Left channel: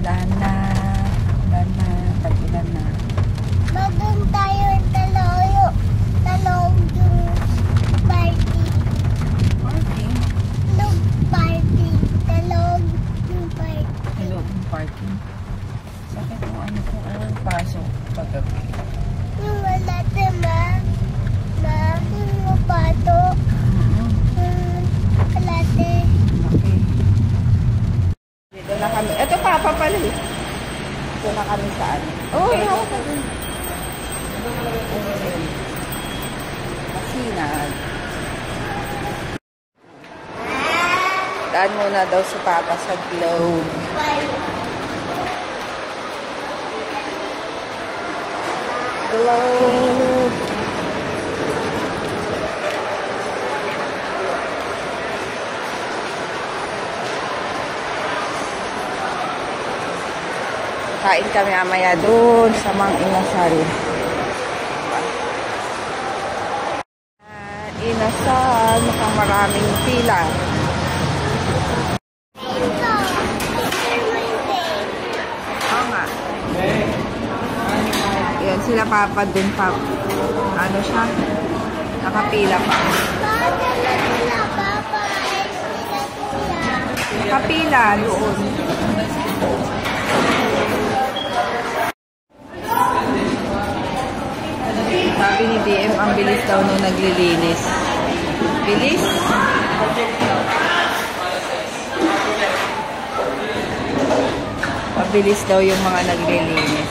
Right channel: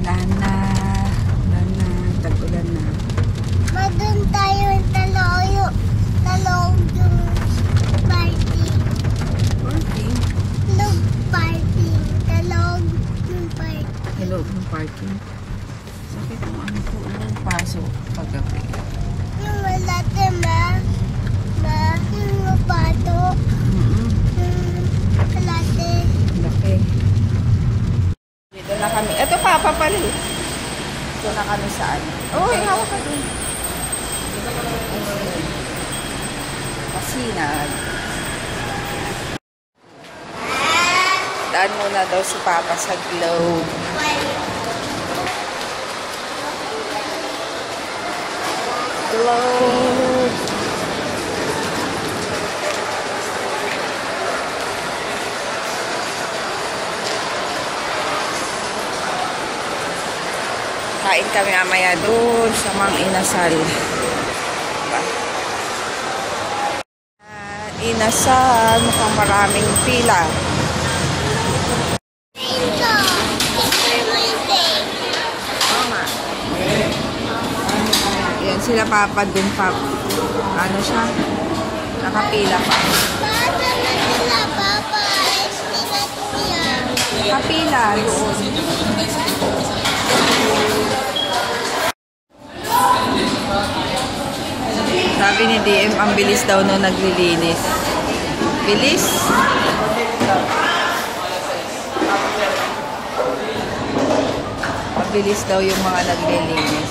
Ulan na. Ulan na. Tag-ulan na. Madun tayo talong yung party. Parking? Talong party. Talong yung party. Hello, yung parking. Sakit yung ano ko. Ang pasok paggabi. Yung wala ma. Yung lupato. Wala Okay. Dito na kami. Ito papa pala eh. Dito na kami sa ano. Oh, hawak ka dun. Masinag. Daan muna daw si Papa sa Globe. Globe. Kain kami mamaya doon sa Mang Inasal. Diba? Inasal, mukhang maraming pila. Oo nga. Yan, sila Papa dun pa. Ano siya? Nakapila pa. Bata na sila, Papa. Sila tuya. Nakapila doon. Sabi ni DM, ang bilis daw no naglilinis. Bilis? Mabilis daw yung mga naglilinis.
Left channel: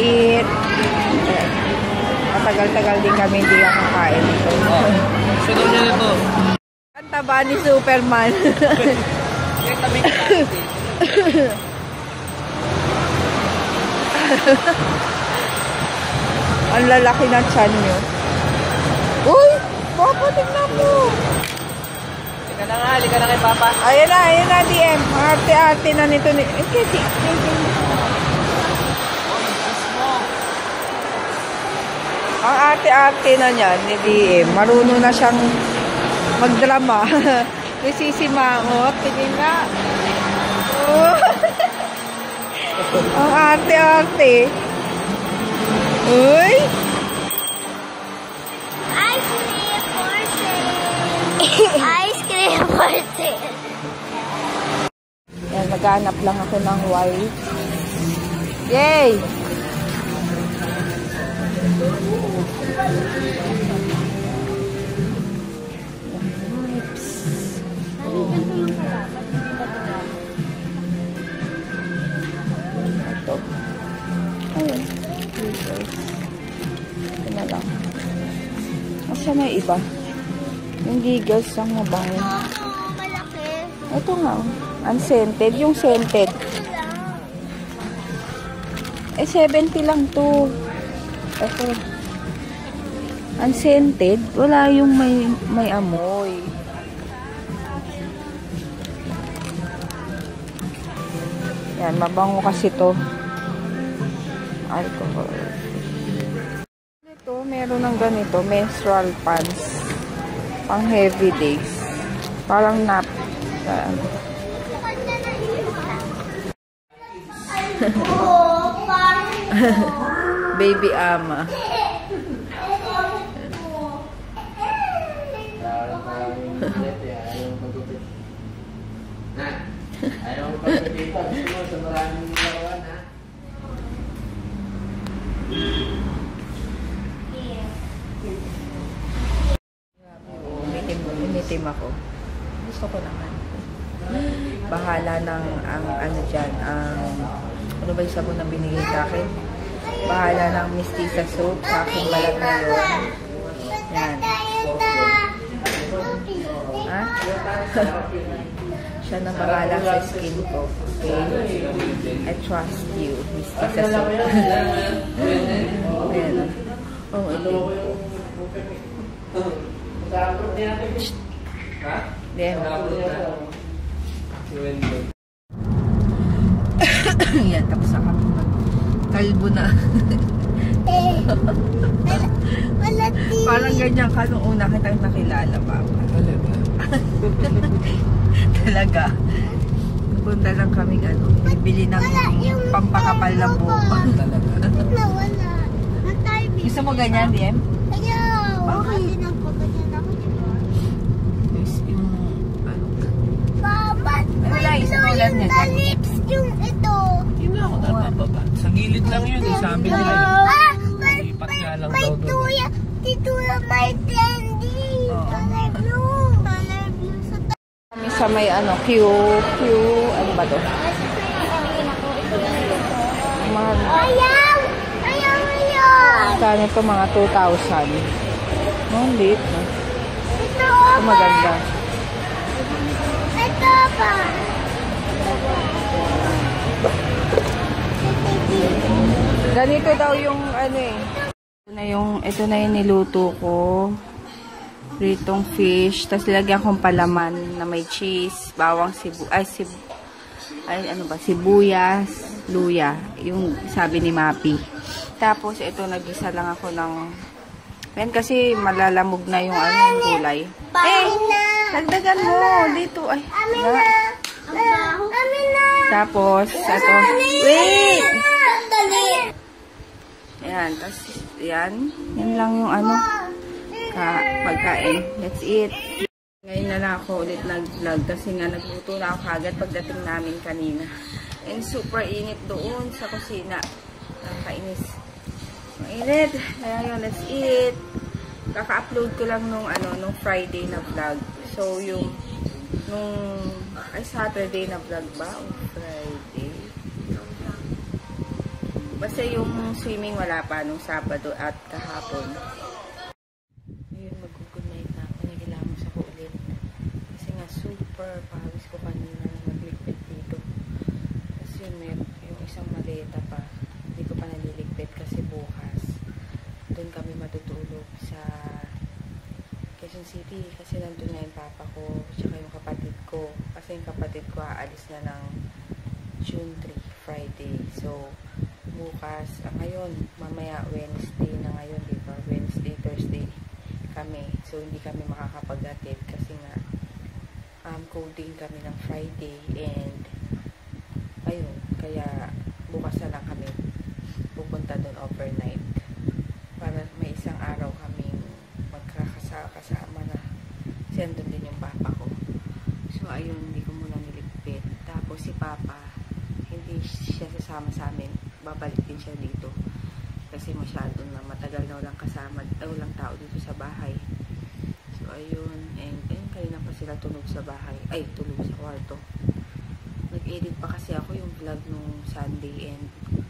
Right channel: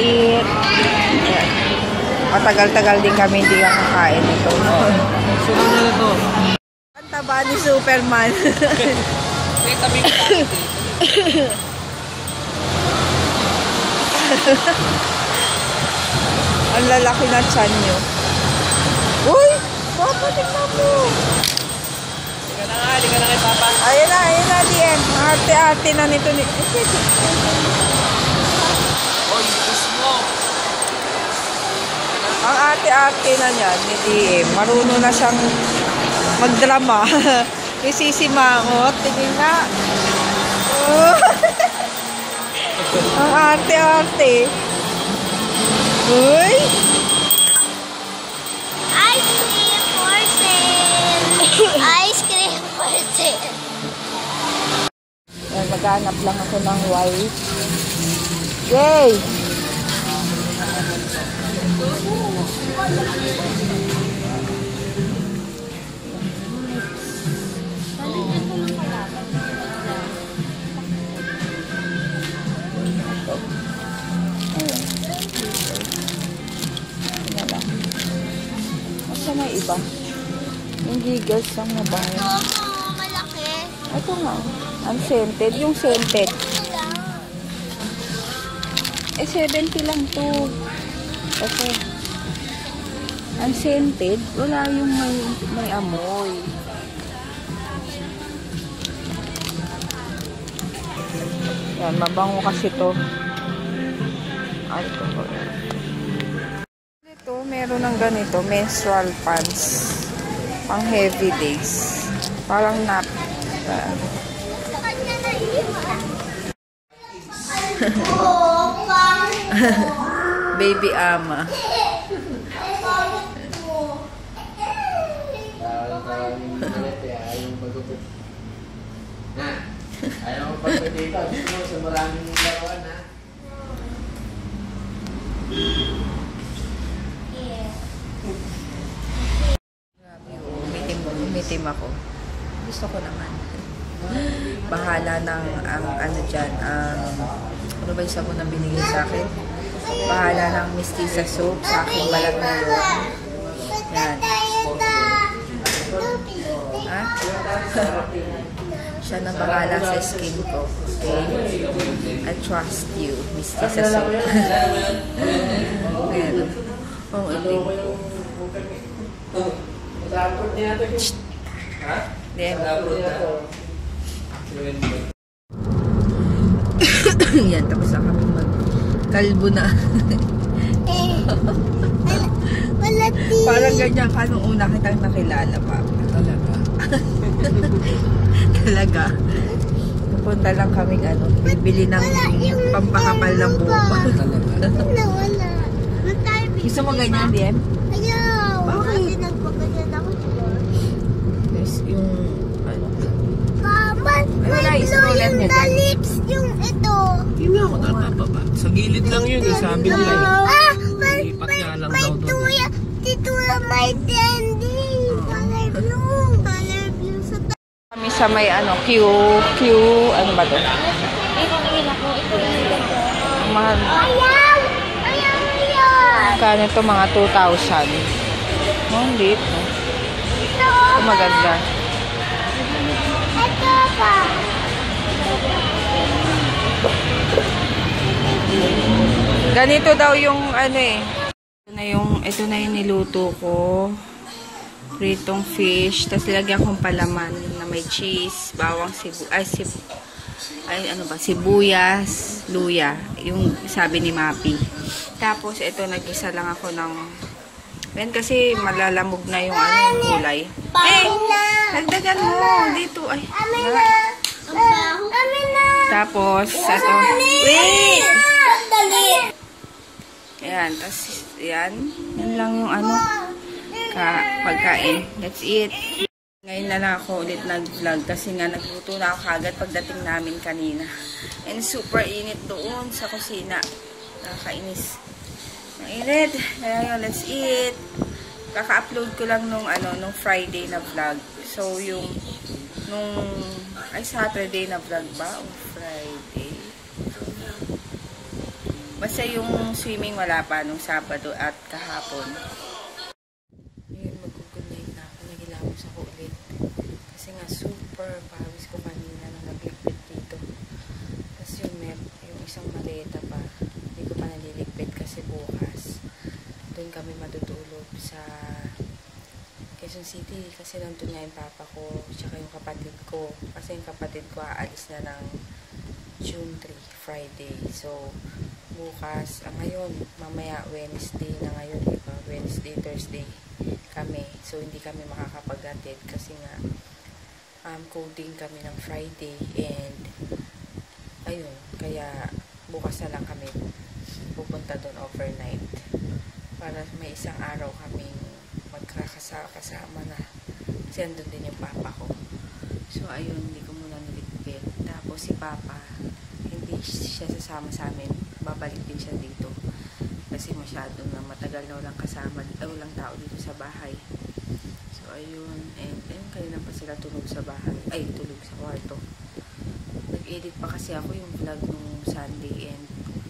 Eat. Matagal-tagal din kami hindi kakain ito. Ang taba ni Superman. Ang lalaki na tiyan nyo. Uy! Papa, tingnan mo! Halika na kay Papa. Ayun na, DM. Arte-arte na nito. Ang arte-arte na niya ni DM. Marunong na siyang magdrama. Isisimangot. Tingin na. Oh. Ang arte-arte. Uy! Ice cream for sale. Ice cream for sale. Yan, maghanap lang ako ng white. Yay! Asa may iba? Yung giggles lang mabaho. Oo, malaki. Ito nga. Unscented. Yung scented. Eh, 70 lang to. Ito. Unscented. Wala yung may amoy. Yan, mabango kasi to. Alcohol. Ito, meron ng ganito, menstrual pants. Pang heavy days. Parang nap. Baby ama. Ayaw mo pagpapito. Gusto mo sa maraming laruan, ha? Grabe, umitim ako. Gusto ko naman. Bahala ng ang ano dyan, ang ano ba yung sabon na binigay sa akin? Bahala ng Mistisa soap sa aking balat na yun. Yan. Ha? Siya na bahala sa skin ko. Okay? I trust you, Mistisa soap. Ayan. Oh, itim ko. Yan, tapos na kami kalbo na. Wala tea. Parang ganyan ka nung una kitang nakilala pa. Talaga? Talaga. Punta lang kaming bibili ng pampakapal ng buhok. Nawala. Gusto mo ganyan, Diem? Ayaw. Bakit? Kasi nagpagandyan ako dito. Yung, Papa, wala, may stroller blue niya yung dyan. lips yung ito. Hindi ako napapaba. Sa gilid lang yun eh, sabi nila eh. Lipat nga lang daw doon. Dito lang may candy. Color blue. Color blue sa kami sa may ano ba to? Mahal. Ayaw! Ayaw! Ayaw! Kano to mga 2,000. Oh, late, no? Ito Ito maganda. Ito pa. Ganito daw yung Ito na yung niluto ko. Pritong fish. Tapos lagyan kong palaman na may cheese, bawang sibuyas, luya. Yung sabi ni Mapi. Tapos ito, nag-isa lang ako ng yan kasi malalamog na yung kulay. Nagdagan mo dito. Ay. Amin na. Amin na. Tapos, ito. Wait! Dali. Ayan, tapos yan. Yan lang yung pagkain. Let's eat. Ngayon na lang ako ulit nag-vlog kasi nga nagluto na ako kagad pagdating namin kanina. And super init doon sa kusina. Nakakainis. Mainit. Kaya yun, let's eat. Kaka-upload ko lang nung Friday na vlog. So, Saturday na vlog ba? O Friday? Basta yung swimming wala pa nung Sabado at kahapon. Ayun, mag-good night na ako. Nagilamos ako ulit. Kasi nga super pawis ko kanina na nagligpit dito. Tapos yung isang maleta pa. Hindi ko pa naliligpit kasi bukas. Doon kami matutulog sa Quezon City. Kasi nandun nga yung papa ko tsaka yung kapatid ko. Kasi yung kapatid ko aalis na ng June 3, Friday. So, bukas, ngayon, mamaya Wednesday na ngayon, diba? Wednesday, Thursday kami. So, hindi kami makakapag-attend kasi nga coding kami ng Friday and ayun, kaya bukas na lang kami pupunta doon overnight para may isang araw kaming magkakasama na kasi andun din yung papa ko. So, ayun, hindi ko muna niligpit. Tapos si papa, hindi siya sasama sa amin. Babalik din siya dito. Kasi masyado na matagal na walang kasama, walang tao dito sa bahay. So, ayun. And kanina pa sila tulog sa bahay. Ay, tulog sa kwarto. Nag-edit pa kasi ako yung vlog nung Sunday and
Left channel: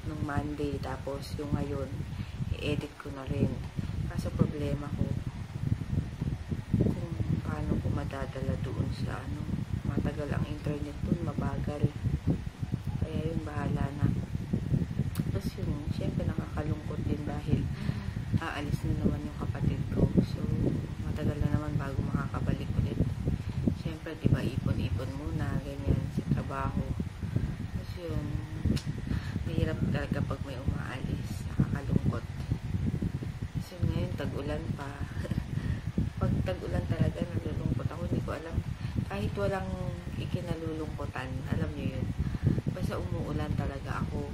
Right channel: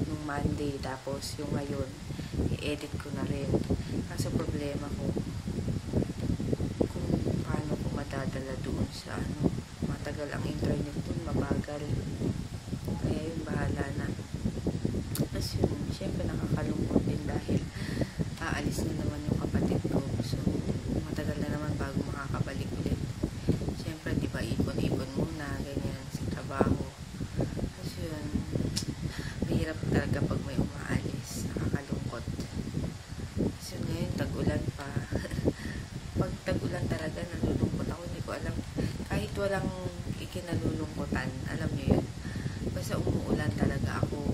nung Monday. Tapos, yung ngayon, i-edit ko na rin. Kaso problema ko, kung paano ko madadala doon sa matagal ang internet doon, mabagal. Kaya yun, bahala na. Tapos yun, syempre nakakalungkot din dahil aalis na naman yung kapatid ko. So, matagal na naman bago makakabalik ulit. Syempre, di ba, ipon-ipon muna, ganyan, sa trabaho. Tapos yun, mahirap talaga pag may umaalis. Nakakalungkot. Tapos yun, ngayon, tag-ulan pa. Pag tag-ulan talaga, nalulungkot ako. Hindi ko alam. Kahit walang ikinalulungkutan, alam nyo yun. Basta umuulan talaga ako.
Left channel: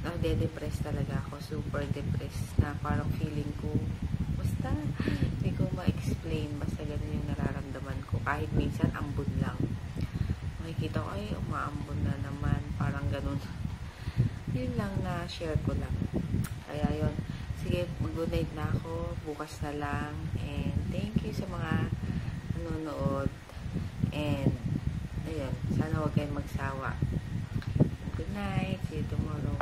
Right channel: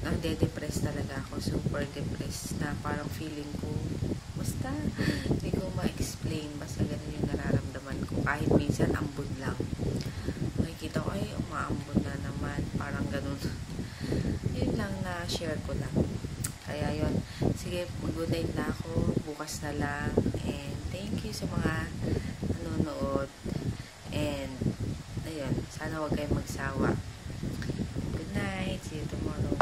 Nade-depress talaga ako. Super depressed na parang feeling ko. Basta, hindi ko ma-explain. Basta ganun yung nararamdaman ko. Kahit minsan, ambon lang. Makikita ko, ay, umaambon na naman. Parang ganun. Yun lang na share ko lang. Kaya yun. Sige, mag-good night na ako. Bukas na lang. And thank you sa mga nanonood. And, ayun. Sana huwag kayong magsawa. Good night. See you tomorrow.